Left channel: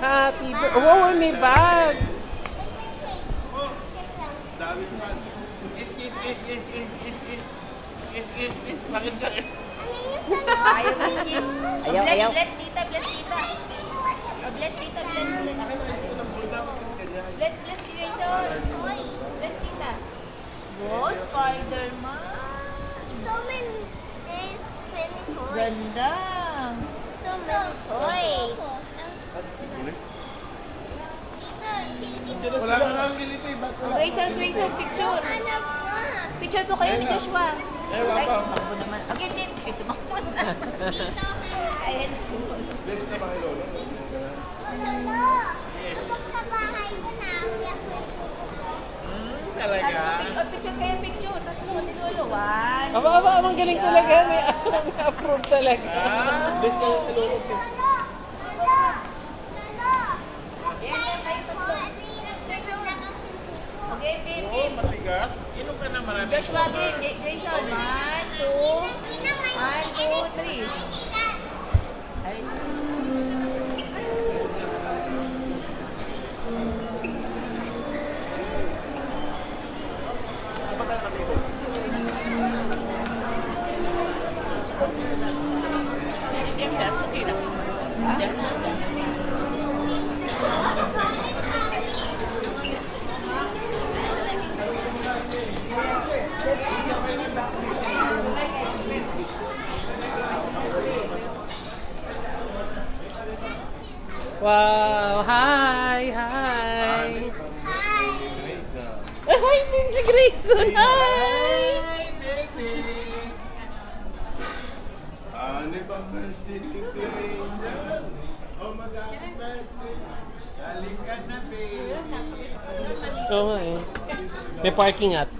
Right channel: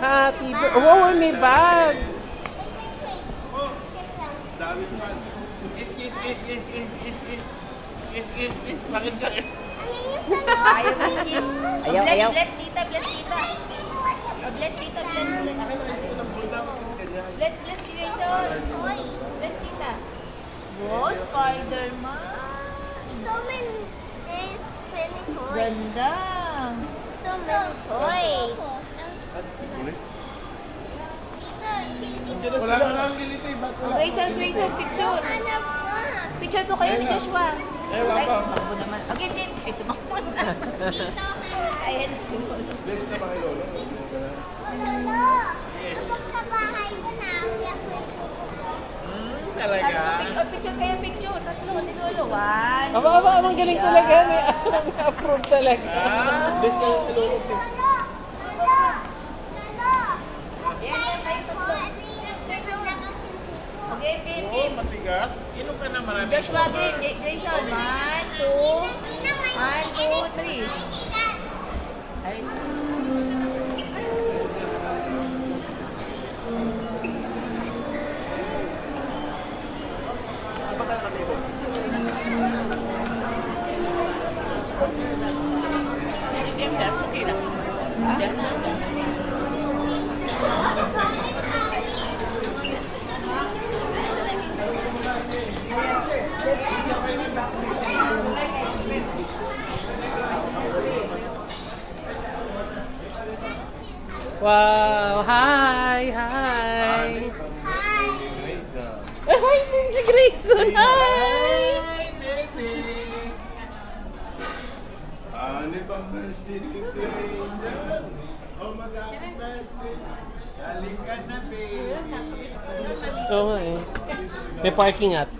Happy birthday. Oh, may bag. Bakit ka? Ayaw ng kiss. Ayaw. Bless tita, bless tita. Bless tita, bless. Bless Grayson. Bless tita. Wow, Spider-Man. So many toys. Ganda. So many toys. Wala ka nga military. Grayson, picture. Hanap na. Picture ko kayo ni Joshua. Eh, wala pa. Ako naman. Okay, game. Ay, tumakbo na. Ayan, sunod. Bless na ba kay Lolo? Lolo, kapag sa bahay ko na, Talaga? Picture kayo, picture. Tatlo ni Lolo. One. Aba, ang galing talaga. May approve talaga. Bless ka kay Lolo. Game. Matigas? Inom ka na marami. Joshua, game. Grayson. 1, 2, 3. Ay. Wow, hi. Hi, si Grayson. Hi. baby! Ano bang birthday ni Grayson? Oh, mag-happy birthday! Halika na, baby! Oo nga eh. May parking at.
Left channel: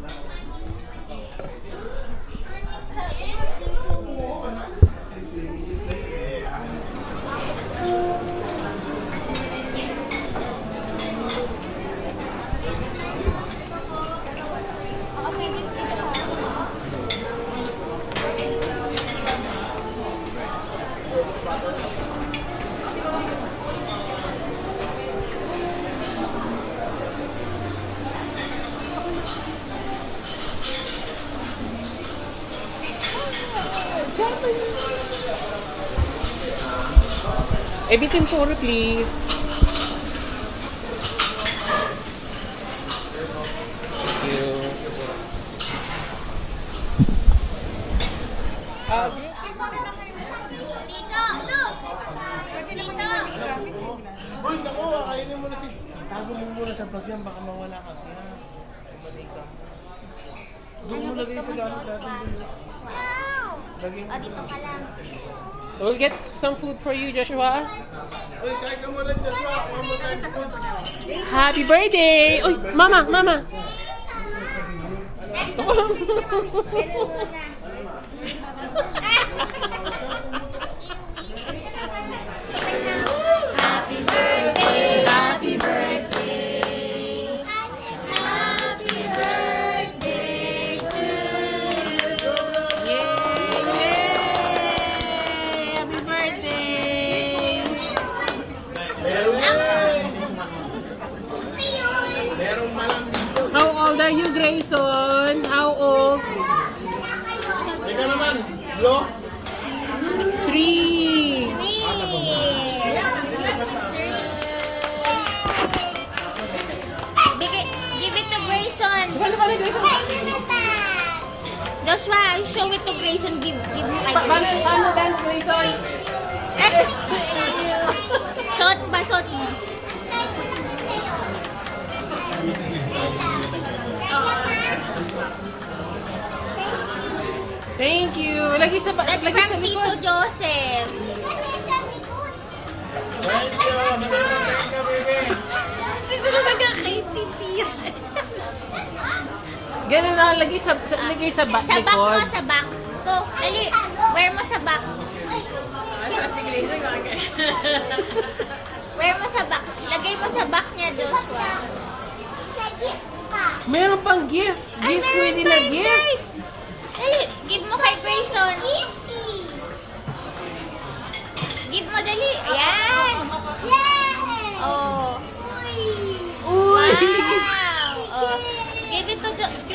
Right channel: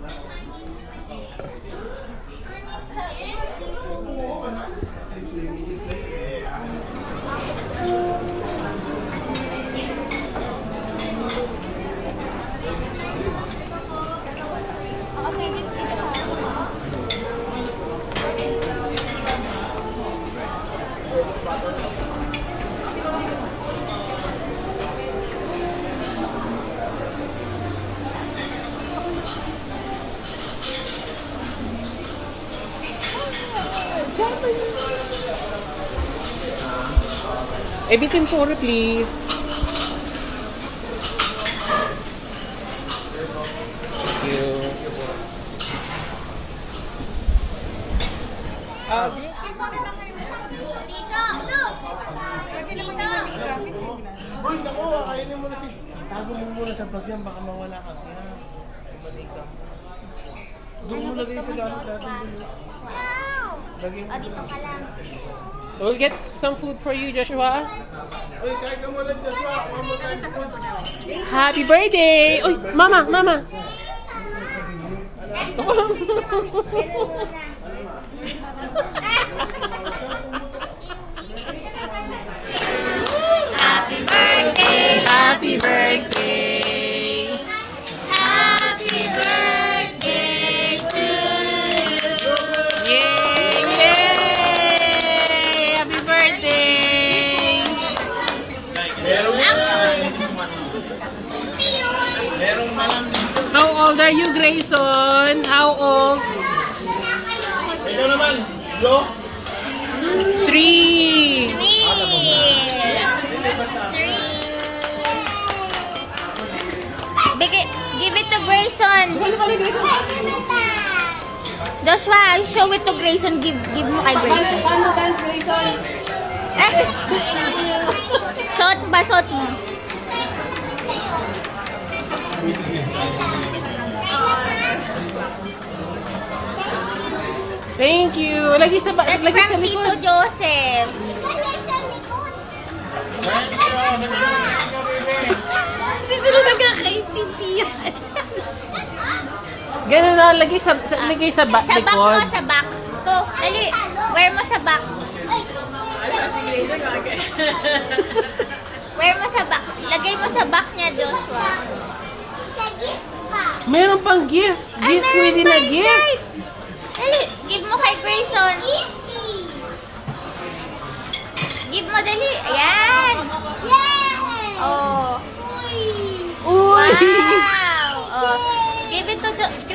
Ebitin puro, please. Thank you. Dito, look! Pwede naman yung gamit mo na. Boy, naku, kainin mo na si... Tago mo muna sa bag yan, baka mawala kasi ha. Ay, manika. Doon mo lagay sa gamit natin. No! Lagay mo. Dito ka lang. We'll get some food for you, Joshua. Uy, kain ka muna dyan, Joshua. Kuha mo tayo ng food. Happy birthday! Uy, mama. Happy birthday! Happy birthday! Happy birthday to you! Yay! Happy birthday! Merong malang dito. How old are you, Grayson? How old? Ito naman, Lo. 3. Give it to Grayson. Joshua, show it to Grayson. Give mo kay Grayson. Paano dance, Grayson? Ay! Suot mo. Thank you. Lagi sa That's lagi sa from Tito likod. Joseph. Dito na kay Titi yan. Ganun na lagi sa back. Sa back mo, sa back. To, dali. Wear mo sa back. Wear mo sa back. Lagay mo sa back niya, Joshua. Sa gift pa. Meron pang gift. Gift within a gift. Dali, give mo kay Grayson. Give mo, dali.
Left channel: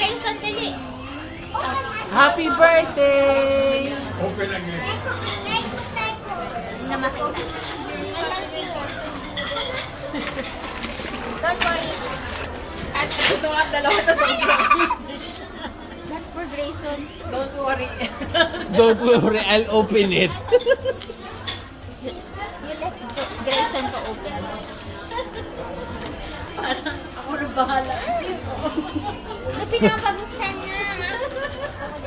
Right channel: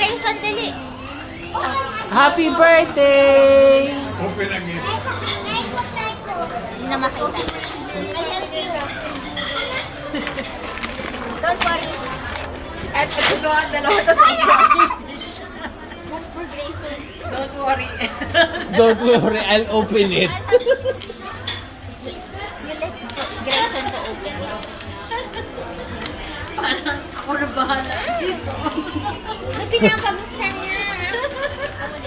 Grayson, dali. Happy birthday! Namakos. I help you. Don't worry. At ito na ang dalawa na That's for Grayson. Don't worry. Don't worry, I'll open it. You let Grayson to open it. Parang ako na bahala dito. Buti na pabuksan niya.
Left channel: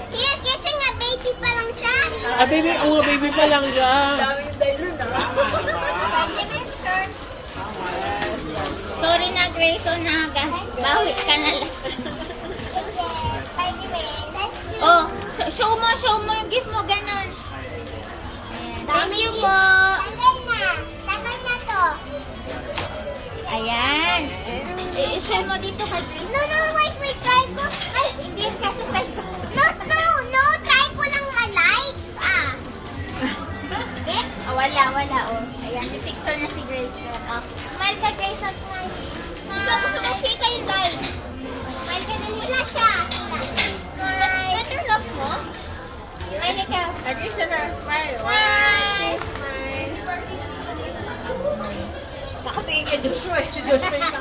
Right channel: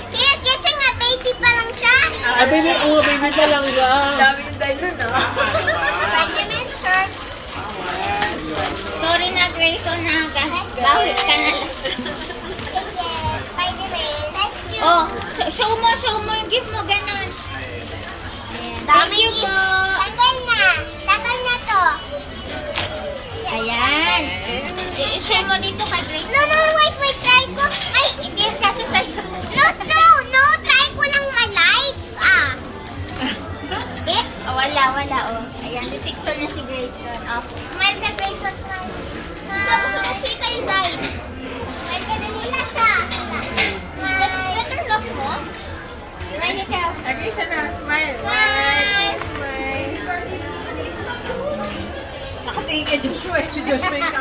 Kaya kasi nga baby pa lang siya. Baby, baby pa lang siya. Dami yung dahil nun, Benjamin, shirt. Sorry na, Grayson, ha. Bawi ka na lang. Oh, show mo yung gift mo, ganun. Thank you po. Tagal na to. Ayan. I-share mo dito ka, Grayson. No, wait, try ko. Ay, i-give kasi sa'yo. No, try ko lang ma-lights, Eh? Oh, wala, oh. Ayan, may picture na si Grayson. Oh, smile ka, Grayson, smile. Gusto mo fake kayo, guys. Smile ka din. Wala siya. Smile. Turn off mo. Smile ka. Agree siya na. Smile. Smile. Nakatingin kay Joshua. Si Joshua yung